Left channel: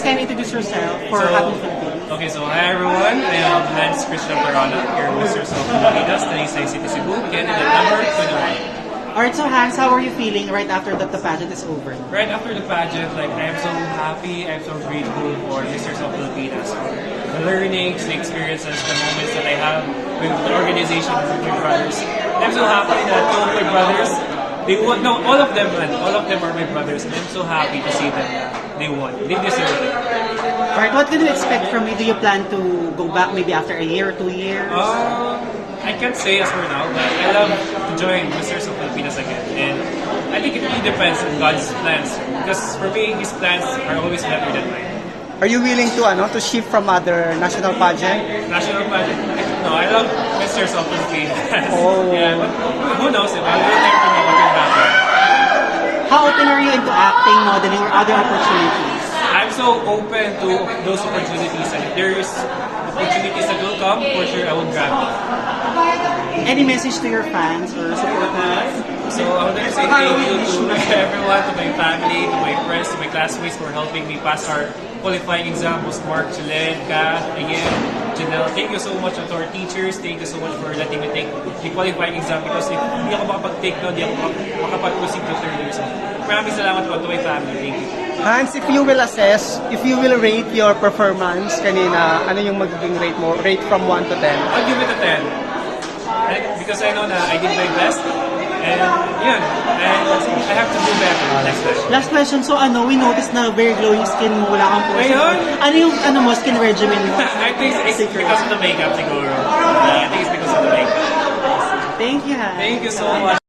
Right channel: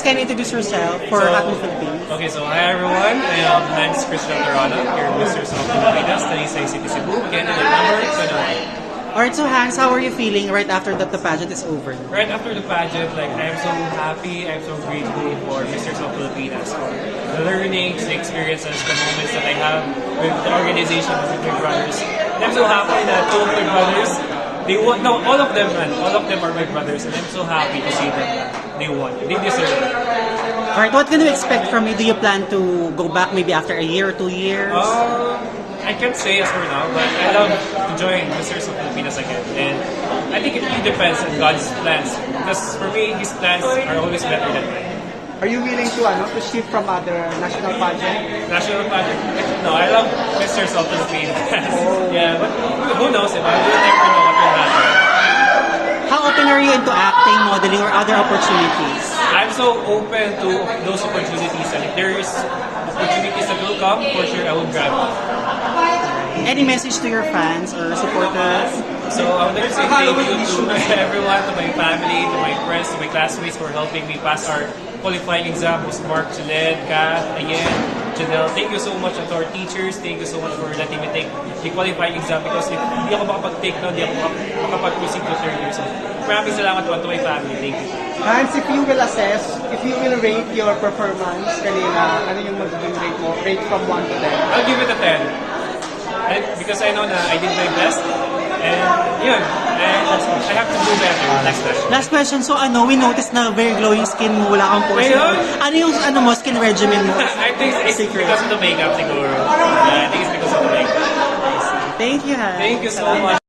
Hans, can you introduce yourself for Apple Philippines? Okay, so hi everyone. I am Hans Christian Torana, your Mr. of Pilipinas, Talisay City, Cebu, candidate number 21. Alright, so Hans, how are you feeling right after that the pageant is over? Right after the pageant, like I'm so happy, I'm so grateful for Mr. of Pilipinas, for the learnings, the experiences, the moments that I have with the organization of my brothers. And I'm so happy that two of my brothers, they won. No, all of them, man. All of them are my brothers, and I'm so happy to see them that they won. They deserve it. Alright, what can you expect from me? Do you plan to go back maybe after a year or 2 years? I can't say as for now, but I love to join Mr. of Pilipinas again. And I think it really depends on God's plans. Because for me, His plans are always better than mine. Are you willing to shift from other national pageant? National pageant? No, I love Mr. of Pilipinas. Yeah, but who knows? If I'll never know what will happen. How open are you into acting, modeling, or other opportunities? I'm so open to those opportunities, and if there is opportunities that will come, for sure I will grab it. Any message to your fans or supporters? So I would like to say thank you to everyone, to my family, to my friends, to my classmates for helping me pass our qualifying exam. Mark, Juliet, Kath, Ayen, Janelle. Thank you so much to our teachers. Thank you so much for letting me take the qualifying exam because if hindi ako makapag-take no, hindi ako makapag-proceed to third year. So maraming salamat po to my family. Thank you. Hans, if you will assess, if you will rate your performance kanina, ano yung magiging rate mo? Rate from 1 to 10? I'll give it a 10. Because I know na I did my best. And yun, and I have to do better next time. Last question, so we noticed na very glowing skin mo, wala kang pores. Ngayon? Ano yung mo, skin regimen mo? I think it's because of the makeup, siguro. I think it's because of the makeup. Thank you, Hans. Thank you so much.